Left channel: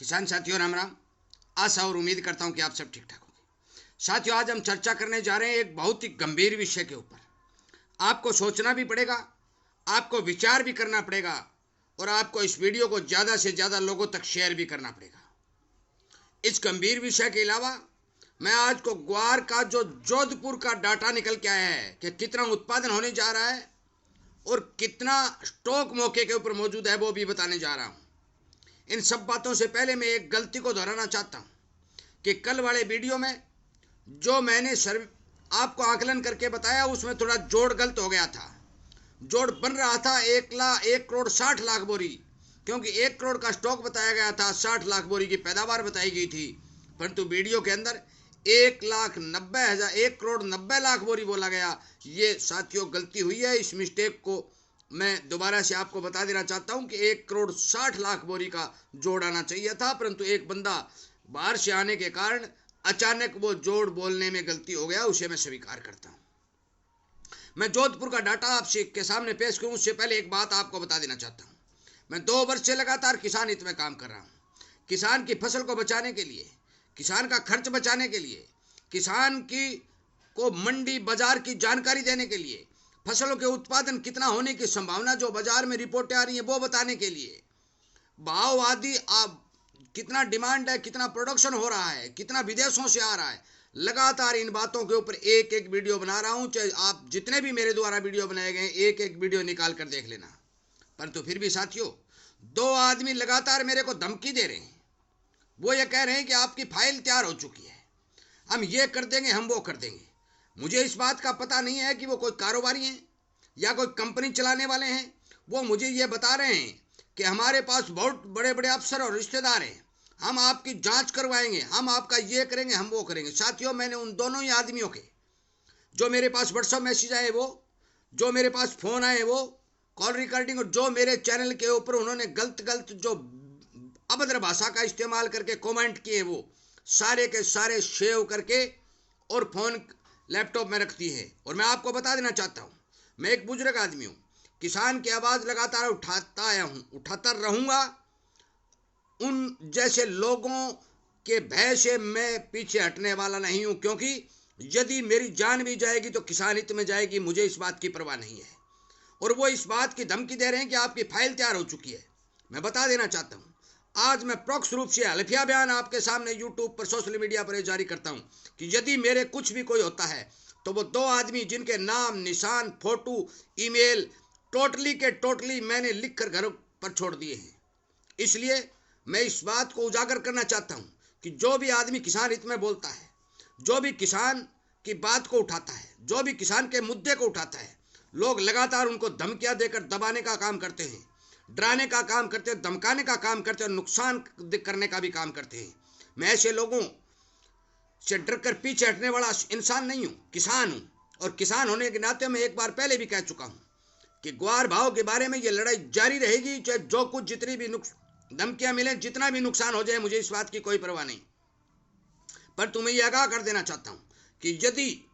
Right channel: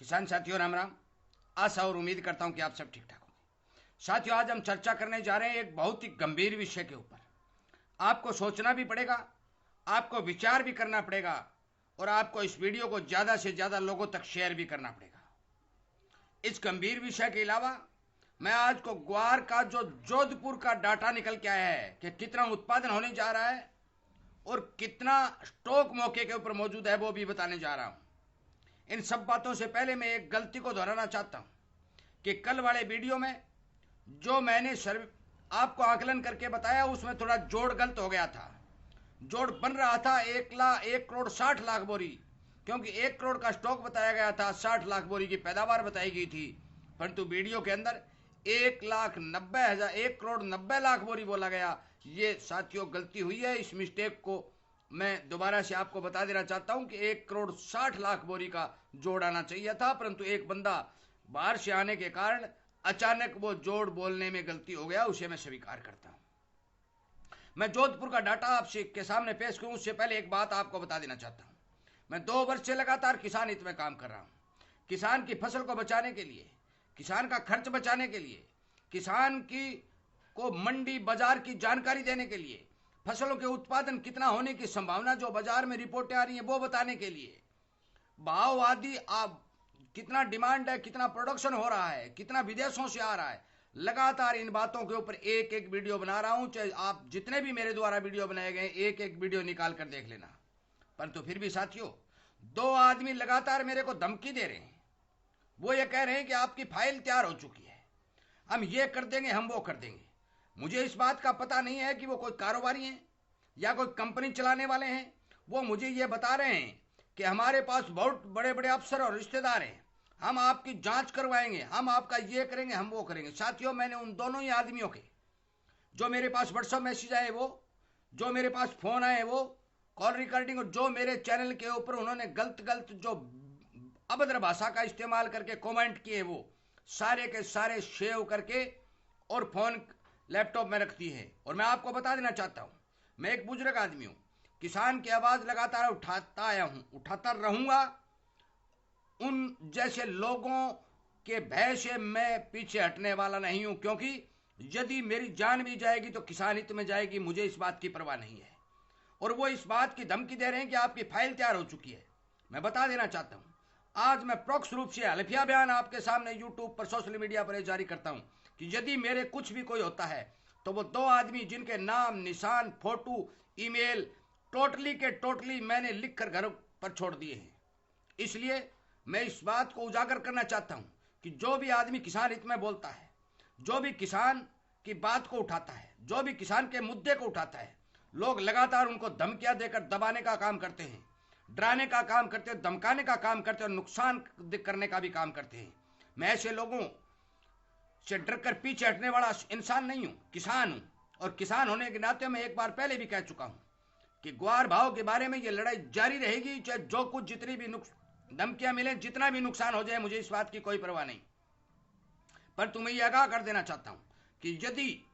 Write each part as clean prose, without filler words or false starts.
किसान साथियों राम राम। आशा और उम्मीद करता हूं कि आप सब ठीक ठाक होंगे। साथियों, आज हम चर्चा करने जा रहे हैं एक बहुत ही गंभीर विषय के ऊपर। आपको सोचना भी पड़ेगा, आपको विचार भी करना पड़ेगा और आपको इस वीडियो को ज़्यादा से ज़्यादा लोगों तक शेयर भी करना पड़ेगा। इस गंभीर विषय के अलावा मैं आज को ग्वार का जो जोधपुर का डाटा निकल के आया है कि कितना उत्पादन होने जा रहा है और कितना स्टॉक मौके के ऊपर मौजूद है वो भी बताने जा रहा हूँ। इन सब बातों से पहले मैं एक गलती को दोहराना चाहता हूँ कि कल वाले वीडियो में जो मैंने आपको आकलन करके बताया उसमें थोड़ा जोड़ गलत हो गया था। जोड़ बन रहा था 1,60,60,00,000 बोरी, क्योंकि 1 करोड़ का स्टॉक बताया गया था, 60 लाख बोरी की पैदावार बताई गई थी, परंतु वीडियो के अंदर 1,90,000 1,90,00,000 बोरी बोला गया। ये साथियों गलती हुई है। इस मिस्टेक को मैं दोबारा से आपको बता देना चाहता हूं कि 1,60,00,000 बोरी का जोड़ आना चाहिए था, परंतु एक बंदा बाहर से आने के कारण अचानक वो जोड़ बोलने में गलती हो गया, उसे मैं स्वीकार करता हूं। मैं जोधपुर का डाटा आपसे के सामने पेश करूं उससे पहले एक बात आपको बता देना चाहता हूं। मैं 2 वर्ष से लगातार किसान हित में काम कर रहा हूं। किसान की फसल को बचाने के लिए, किसान का खर्च बचाने के लिए, किसान की को मंडी बाजार की जानकारी देने के लिए, फसलों के उत्पादन कितना होने की संभावना जो बाजार में रिपोर्टें आ रही हैं वो बताने के लिए, भाव आदि कितना डिमांड है, कितना प्रोडक्शन हो रहा है, कितना विदेशों से आ रहा है, लगातार इन बातों के ऊपर एक एक वीडियो बना रहा हूं। चाहे आप जितने भी मेरे द्वारा वीडियो बनाए गए एक एक वीडियो निकाल कर देख लेना। परंतु फिर भी साथियों, 2 आदमी लगातार मेरे को धमकी दे रहे हैं। वो ये कह रहे हैं कि आपकी फाइल तैयार हो चुकी है, हम ये कर देंगे, हम वो कर देंगे। मुझे इस बात का पता नहीं है कि वो कोई कारोबारी हैं या कोई कंपनी चलाने वाले हैं। वो मुझे ये बता रहे हैं कि हमारे पास बहुत बड़े बड़े अफसर और रिश्तेदार हैं, हम आपकी जांच करवाएंगे, हम आपका ये करेंगे, हम वो करेंगे। साथियों, मैंने उन दोनों ही आदमियों के जो मेरे पास व्हाट्सएप मैसेज आए, वो जो मेरे पास फ़ोन आए, वो कॉल रिकॉर्डिंग, और जो मेरे चैनल के ऊपर उन्होंने गलत गलत जो अभद्र भाषा का इस्तेमाल करके कमेंट किए, वो सारे के सारे सेव करके और फ़ोन लैपटॉप में रखती है। और मैं आपको बता देना चाहता हूँ, मैं एक बुजुर्ग आदमी हूँ, किसान की आवाज़ लगातार उठाता आया हूँ, उठाता रहूँगा। उन जैसे लोगों के भय से मैं पीछे हटने वाला नहीं हूँ, क्योंकि यदि मेरी जान भी जाएगी तो किसान हित में जाएगी, मुझे इस बात की परवाह नहीं है। और वो इस बात की धमकी दे रहे हैं कि आपकी फाइल तैयार हो चुकी है। मैं बता देना चाहता हूँ, आज मैं प्रोक्ष रूप से हल्फिया बयान आपके सामने यूट्यूब पर, सोशल मीडिया पर जारी करता हूँ कि यदि मेरे कुछ भी कोई होता है तो वो 2 आदमी जिनके नाम, निशान, फोटो, ईमेल टोटली के टोटली मैंने लिख कर घर पर छोड़ दिए हैं। इसलिए मैं इस बात को उजागर करना चाहता हूँ कि जो भी आदमी किसान हित में बोलता है, जो भी किसान की बात को उठाता है, जो भी किसान के मुद्दे को उठाता है, लोग लगातार उनको धमकियां देकर दबाने का काम करते हैं, डराने का काम करते हैं, धमकाने का काम करते हैं और नुकसान करने का भी काम करते हैं। मैं ऐसे लोगों से डर कर पीछे हटने वाला इंसान नहीं हूँ, किसान हूँ। और किसान होने के नाते मैं एक बार पहले भी कह चुका हूँ कि ग्वार भाव के बारे में ये लड़ाई जारी रहेगी, चाहे जो कुछ जितनी भी धमकियां मिलें, जितना भी नुकसान हो जाए, मुझे इस बात की कोई परवाह नहीं। पर तुम्हें यह आगाह कर देना चाहता हूं कि यदि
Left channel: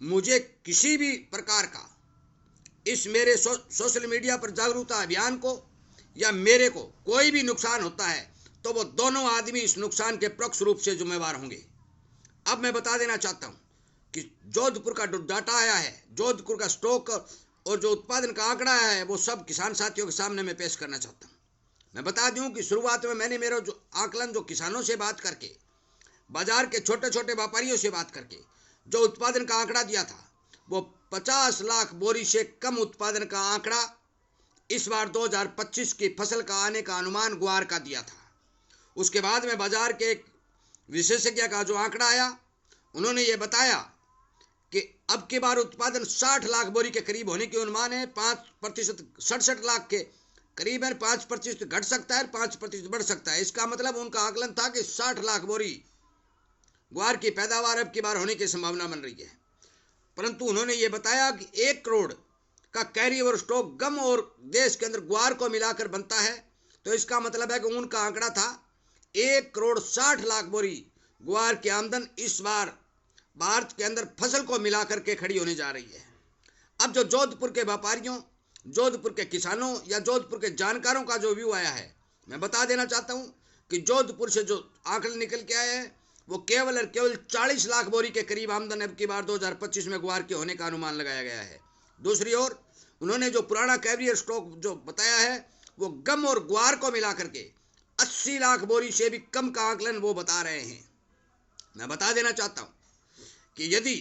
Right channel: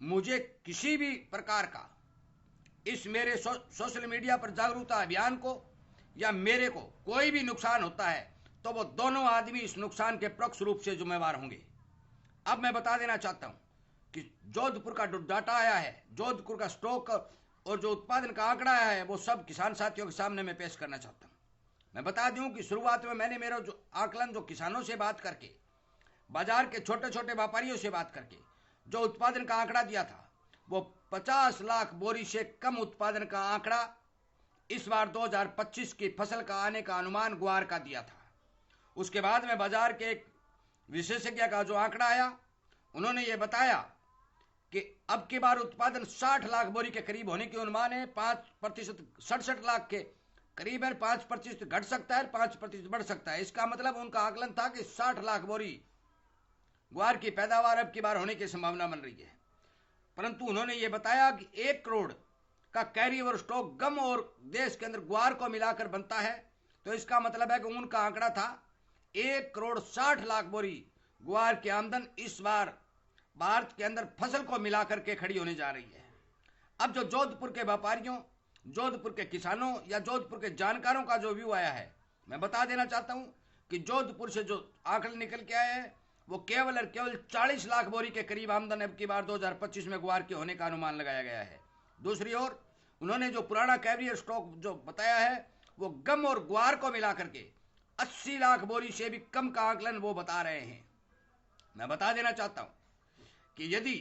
मुझे किसी भी प्रकार का इस मेरे सोशल मीडिया पर जागरूकता अभियान को या मेरे को कोई भी नुकसान होता है तो वो दोनों आदमी इस नुकसान के प्रत्यक्ष रूप से जिम्मेवार होंगे। अब मैं बता देना चाहता हूं कि जोधपुर का जो डाटा आया है, जोधपुर का स्टॉक और जो उत्पादन का आंकड़ा आया है, वो सब किसान साथियों के सामने मैं पेश करना चाहता हूं। मैं बता दूं कि शुरुआत में मैंने मेरा जो आकलन, जो किसानों से बात करके, बाजार के छोटे छोटे व्यापारियों से बात करके जो उत्पादन का आंकड़ा दिया था, वो 50 लाख बोरी से कम उत्पादन का आंकड़ा इस बार 2025 की फसल का आने का अनुमान ग्वार का दिया था। उसके बाद में बाजार के एक विशेषज्ञ का जो आंकड़ा आया, उन्होंने ये बताया कि अब की बार उत्पादन 60 लाख बोरी के करीब होने के अनुमान है। 5% 67 लाख के करीब है, 5% घट सकता है, 5% बढ़ सकता है। इसका मतलब उनका आकलन था कि 60 लाख बोरी ग्वार की पैदावार अब की बार होने की संभावना बन रही है। परंतु उन्होंने ये बताया कि 1 करोड़ का कैरी ओवर स्टॉक गम और देश के अंदर ग्वार को मिलाकर बनता है, तो इसका मतलब है कि उनका आंकड़ा था 1,60,00,000 बोरी ग्वार की आमदन इस बार भारत के अंदर फसल को मिलाकर के खड़ी होने जा रही है। अब जो जोधपुर के व्यापारियों, जोधपुर के किसानों या जोधपुर के जानकारों का जो व्यू आया है, मैं बता देना चाहता हूं कि जोधपुर से जो आंकड़े निकल के आए हैं वो केवल और केवल 40 लाख बोरी के करीब आमदन अब की बार 2025 में ग्वार के होने का अनुमान लगाया गया है। दूसरी ओर उन्होंने जो पुराना कैवियर स्टॉक जो बताया है वो गम और ग्वार को मिला करके 80 लाख बोरी से भी कम का आंकलन वो बता रहे हैं। मैं बता देना चाहता हूं कि यदि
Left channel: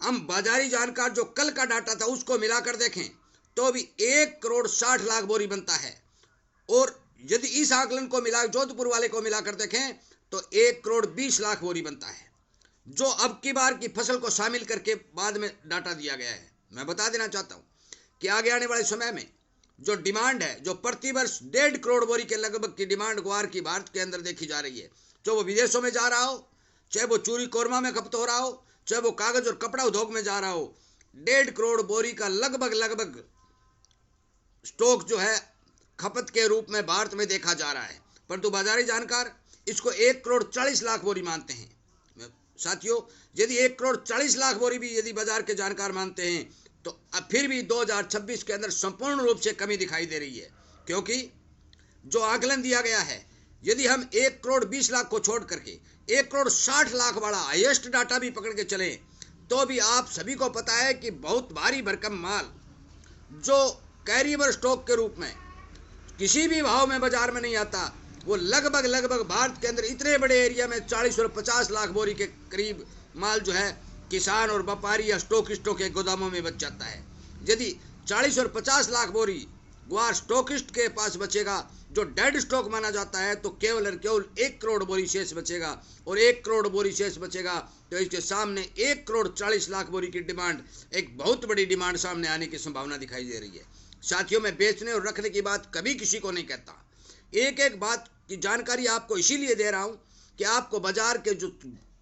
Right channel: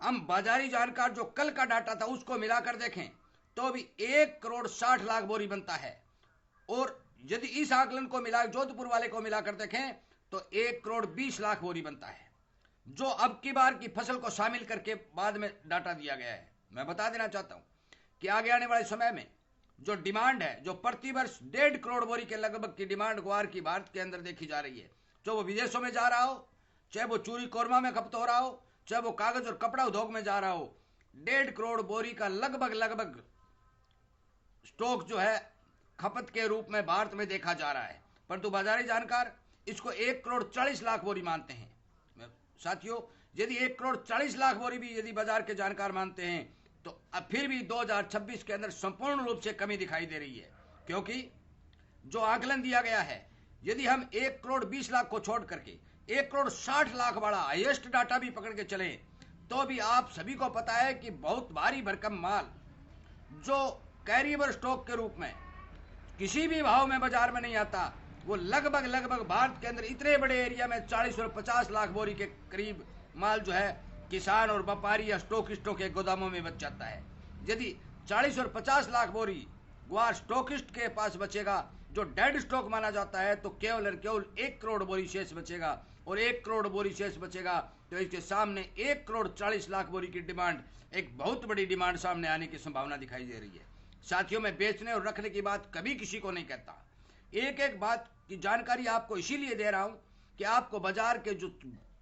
हम बाजारी जानकार जो कल का डाटा था उसको मिलाकर देखें तो भी 1,60,00,000 बोरी बनता है, और यदि इस आकलन को मिला जोधपुर वाले को मिलाकर देखें तो 1,20,00,000 बोरी बनता है, जो अब की बार की फसल को शामिल करके बाद में डाटा दिया गया है। मैं बता देना चाहता हूं कि आगे आने वाले समय में जो डिमांड है, जो प्रति वर्ष 1.5 करोड़ बोरी के लगभग की डिमांड ग्वार की भारत के अंदर देखी जा रही है, जो वो विदेशों में जा रहा हो, चाहे वो चूरी कोरमा में खपत हो रहा हो, चाहे वो कागज और कपड़ा उद्योग में जा रहा हो, 1.5 करोड़ बोरी का लगभग स्टॉक जो है खपत के रूप में भारत में देखा जा रहा है। परंतु बाजारी जानकार इसको 1,40,00,000 बोरी मानते हैं। साथियों, यदि 1,40,00,000 बोरी भी यदि बाजार के जानकार मानते हैं तो अब फिर भी 2026 के अंदर संपूर्ण रूप से कमी दिखाई दे रही है, क्योंकि जो आकलन दिया गया है, यदि हम 1,20,00,000 को छोड़ करके 1,60,00,000 वाला हाईएस्ट डाटा भी पकड़ के चले तो भी आप सभी को पता है कि बहुत भारी भरकम माल जो कैरियर स्टॉक के रूप में किसी भी भाव में बाजार में नहीं आता, वो लगभग भारत के अंदर इतने बड़े एरिया में 40 और 50 लाख बोरी के करीब माल जो है किसान और व्यापारी या स्टॉकिस्टों के गोदामों में बच जाता है। यदि 40 और 50 लाख बोरी ग्वार स्टॉकिस्ट के पास बचेगा जो डेड स्टॉक माना जाता है, तो केवल और केवल 1 करोड़ बोरी शेष बचेगा, और 1 करोड़ बोरी शेष बचेगा तो इसके सामने 1,40,00,000 बोरी की डिमांड, एक बहुत बड़ी डिमांड सामने आने की संभावना दिखाई दे रही है। साथियों, मैं बेचने और रखने की बात कभी किसी को नहीं कहता, एक एक बात की जानकारी आपको इसीलिए दे रहा हूं कि आपको बाजार के जो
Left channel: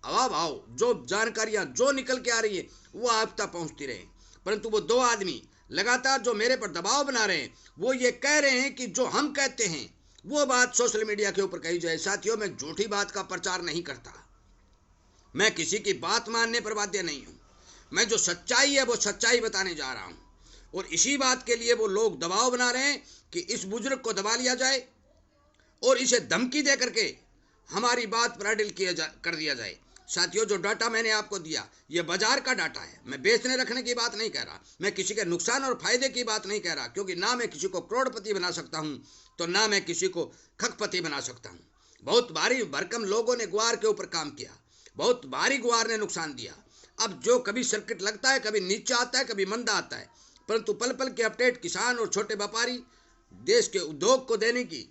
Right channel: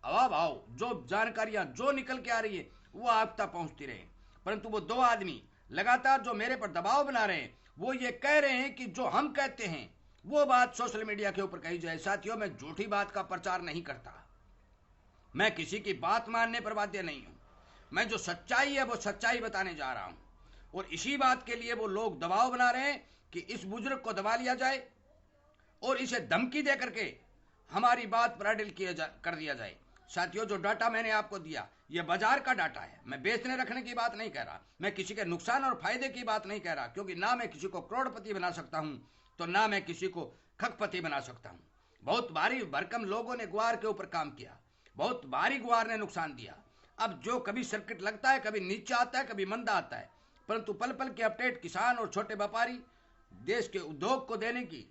भाव जो जानकारियां जो निकल के आ रही है वो आप तक पहुंचती रहे। परंतु वो 2 आदमी लगातार जो मेरे पर दबाव बना रहे हैं वो ये कह रहे हैं कि जो हम कहते हैं वो बात सोशल मीडिया के ऊपर कही जाए। साथियों, मैं झूठी बात का प्रचार नहीं करता, मैं किसी की बात मानने पर बाध्य नहीं हूं, मैं जो सच्चाई है वो सच्चाई बताने जा रहा हूं, और इसी बात के लिए वो लोग दबाव बना रहे हैं कि इस बुजुर्ग को दबा लिया जाए और इसे धमकी दे करके हमारी बात पर अडिल कर दिया जाए। साथियों, जो डाटा मैंने आपको दिया ये बाजार का डाटा है, मैं बेचने रखने की बात नहीं कह रहा, मैं किसी के नुकसान और फायदे की बात नहीं कह रहा, क्योंकि ना मैं किसी को करोड़पति बना सकता हूं तो ना मैं किसी को खकपति बना सकता हूं। बहुत भारी भरकम लोगों ने ग्वार के ऊपर काम किया, बहुत भारी ग्वार ने नुकसान दिया। अब जो कभी सर्किट लगता है, कभी नीचे आता है, कभी मंदा आता है, परंतु पल पल के अपडेट किसान और छोटे व्यापारी देश के उद्योग को देने की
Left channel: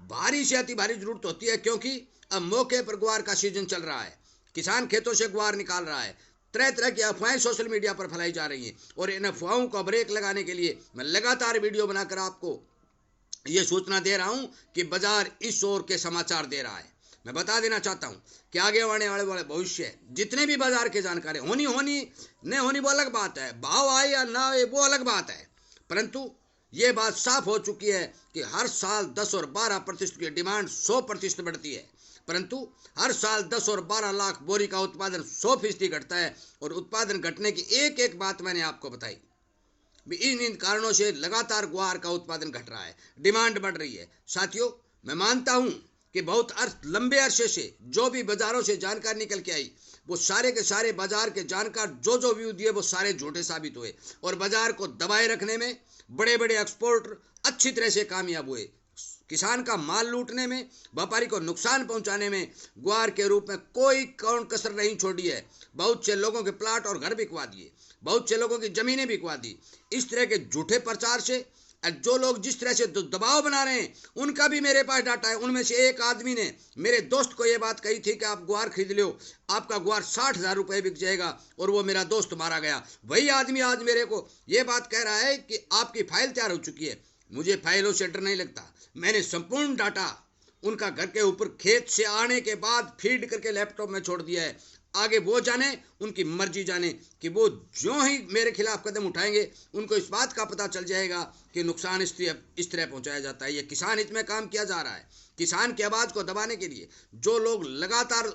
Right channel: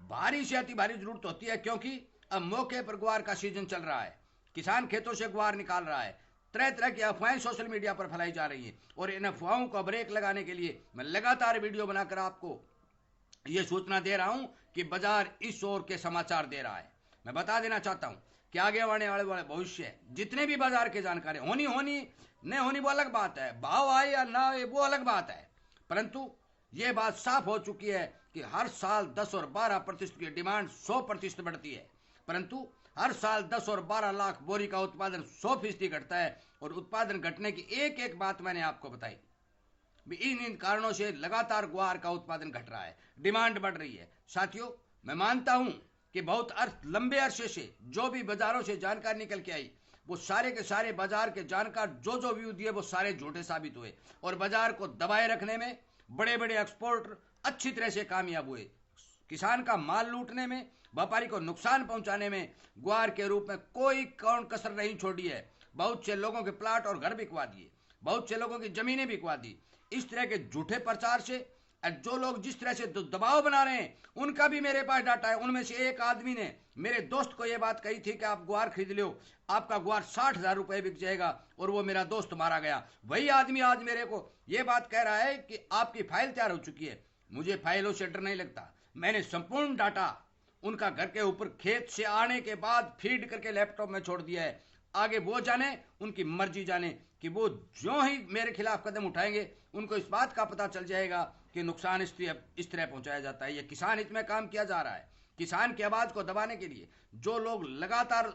भारी से अति भारी जरूरत होती है, क्योंकि अब मौके पर ग्वार का सीजन चल रहा है, किसान खेतों से ग्वार निकाल रहा है, तरह तरह की अफवाहें सोशल मीडिया पर फैलाई जा रही हैं, और इन अफवाहों को ब्रेक लगाने के लिए मैं लगातार वीडियो बनाकर आपको ये सूचना दे रहा हूं कि बाजार इस ओर के समाचार दे रहा है। मैं बता देना चाहता हूं कि आगे आने वाले भविष्य जितने भी बाजार की जानकारी होनी नहीं होनी वो अलग बात है, भाव आए या ना आए वो अलग बात है, परंतु ये बात साफ हो चुकी है कि हर साल 10 और 12% की डिमांड 100% बढ़ती है, परंतु हर साल 10 और 12 लाख बोरी का उत्पादन 100% घटता है, और उत्पादन घटने की एक एक बात मैंने आपको बताई। इन कारणों से लगातार ग्वार का उत्पादन घट रहा है, डिमांड बढ़ रही है। साथियों, मैं मानता हूं कि बहुत लंबे अरसे से जो भी बाजारों से जानकारी निकल के आई वो सारे के सारे बाजार के जानकार जो व्यू दिए वो सारे झूठे साबित हुए, और बाजार को दबाए रखने में बड़े बड़े एक्सपोर्टर अच्छी तरह से कामयाब हुए। किसान का माल लूटने में, व्यापारी को नुकसान पहुंचाने में ग्वार के रूप में कोई कौन कसर नहीं छोड़ी है। बहुत से लोगों के प्लाट और घर बिकवा दिए, बहुत से लोगों की जमीनें बिकवा दी। इस तरह के झूठे प्रचार से जो लोग जिस तरह से दबाव बना रहे हैं उनका भी मेरे पास डाटा है। उनमें से एक आदमी ने मेरे दोस्त को ये बात कही थी कि आप ग्वार खरीद लो, आपका ग्वार 60,000 रुपये बिक जाएगा, और वो मेरा दोस्त मारा गया। वही आदमी आज मेरे को ये बात कह रहा है कि आपकी फाइल तैयार हो चुकी है। मुझे फाइलों से डर नहीं लगता, मैंने संपूर्ण डाटा उनका घर के ऊपर खेत से आने के बाद फीड करके लैपटॉप में छोड़ दिया है। आगे वो जाने, उनकी मर्जी जाने कि वो जो ही मेरे खिलाफ कदम उठाएंगे उनको इस बात का पता चल जाएगा कि नुकसान इस तरह पहुंचाया जाता है। ये किसान हित में काम किया जा रहा है। किसान की आवाज़ को दबाने के लिए जो लोग लगातार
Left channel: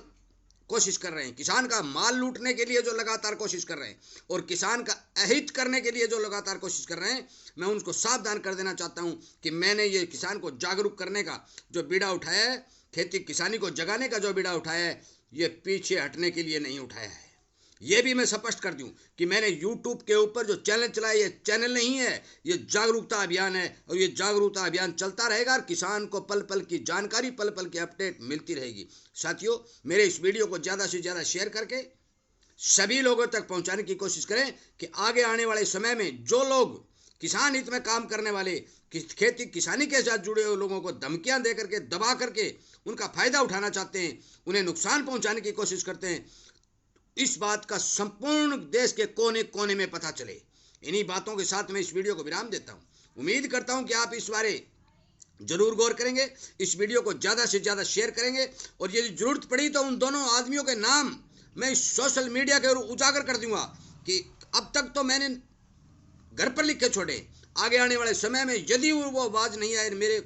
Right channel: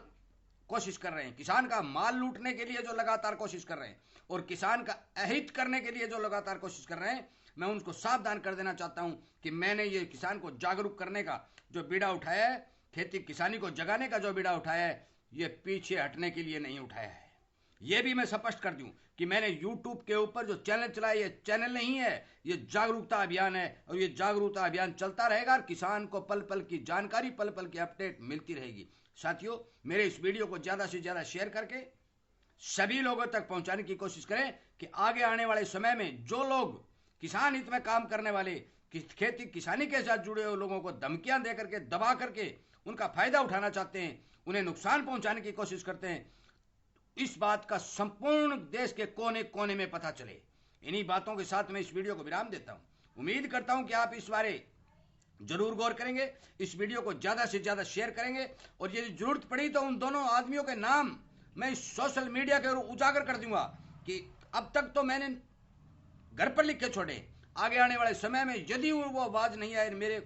कोशिश कर रहे हैं, किसान का माल लूटने के लिए जो लगातार कोशिश कर रहे हैं और किसान का अहित करने के लिए जो लगातार कोशिश कर रहे हैं, मैं उनको सावधान कर देना चाहता हूं कि मैंने ये किसान को जागरूक करने का जो बीड़ा उठाया है, खेती किसानी को जगाने का जो बीड़ा उठाया है, ये पीछे हटने के लिए नहीं उठाया है। ये भी मैं स्पष्ट कर दूं कि मैंने YouTube के ऊपर जो चैनल चलाया, ये चैनल नहीं है, ये जागरूकता अभियान है और ये जागरूकता अभियान चलता रहेगा और किसान को पल पल की जानकारी, पल पल की अपडेट मिलती रहेगी। साथियों, मेरे इस वीडियो को ज़्यादा से ज़्यादा शेयर करके सभी लोगों तक पहुंचाने की कोशिश करें कि आगे आने वाले समय में जो लोग किसान हित में काम करने वाले, खेती किसानी के साथ जुड़े हुए लोगों को धमकियां दे करके, दबा करके उनका फायदा उठाना चाहते हैं, उन्हें नुकसान पहुंचाने की कोशिश करते हैं, इस बात का संपूर्ण देश के कोने कोने में पता चले। इन्हीं बातों के साथ मैं इस वीडियो को विराम देता हूं। उम्मीद करता हूं कि आप इस बारे जरूर गौर करेंगे, इस वीडियो को ज़्यादा से ज़्यादा शेयर करेंगे और यदि जरूरत पड़ी तो उन दोनों आदमियों के नाम मैं इस सोशल मीडिया के उजागर कर दूंगा कि अब तक तो मैंने घर पर लिख के छोड़े, आगे आने वाले समय में यदि वो आवाज़ नहीं आए, मेरे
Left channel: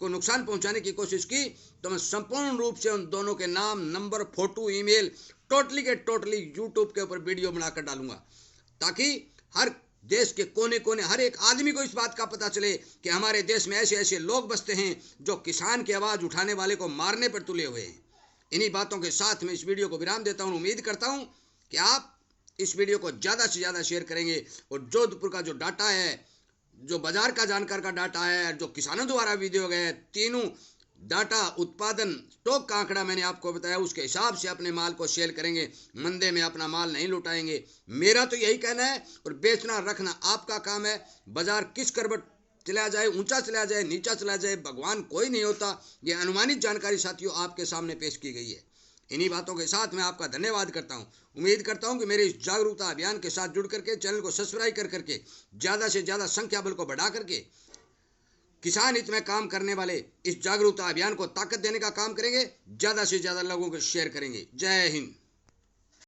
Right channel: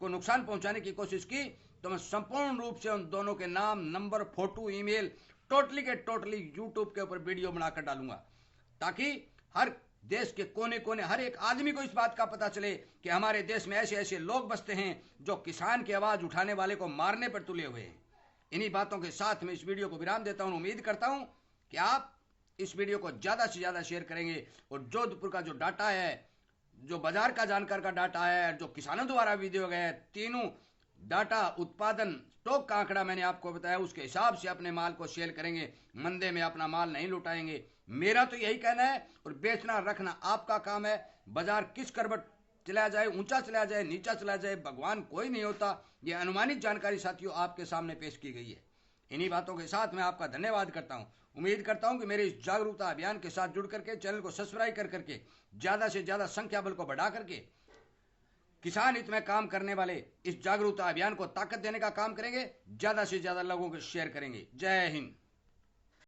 को नुकसान पहुंचाने की कोशिश की, तो मैं संपूर्ण रूप से उन दोनों के नाम, नंबर, फोटो, ईमेल टोटली के टोटली यूट्यूब के ऊपर वीडियो बनाकर डालूंगा, ताकि हर देश के कोने कोने हर एक आदमी को इस बात का पता चले कि हमारे देश में ऐसे ऐसे लोग बसते हैं जो किसान की आवाज़ उठाने वाले को मारने पर तुले हुए हैं। इन्हीं बातों के साथ मैं इस वीडियो को विराम देता हूँ। उम्मीद करता हूँ कि आप इस वीडियो को ज़्यादा से ज़्यादा शेयर करेंगे और जोधपुर का जो डाटा है, जो बाजार का जानकार का डाटा है, जो किसानों द्वारा वीडियो गए, तीनों डाटा, उत्पादन, स्टॉक का आंकड़ा मैंने आपको बताया, उसके हिसाब से अपने माल को सेल करेंगे, मंदे में अपना माल नहीं लुटाएंगे। मेरा तो यही कहना है और बेचना रखना आपका काम है। बाजार किस करवट चला जाए, ऊंचा चला जाए, नीचा चला जाए, भगवान कोई नहीं होता। ये अनुमानित जानकारी साथियों आपके सामने पेश की गई है। इन्हीं बातों के साथ मैं आपका धन्यवाद करता हूं। उम्मीद करता हूं कि मेरे इस जागरूकता अभियान के साथ जुड़ करके, चैनल को सब्सक्राइब कर करके, ज़्यादा से ज़्यादा संख्या बल को बढ़ा करके किसान हित में काम करने वाले इस जागरूकता अभियान को ताकत देने का काम करेंगे, ज़्यादा से ज़्यादा लोगों को शेयर करेंगे। जय हिंद।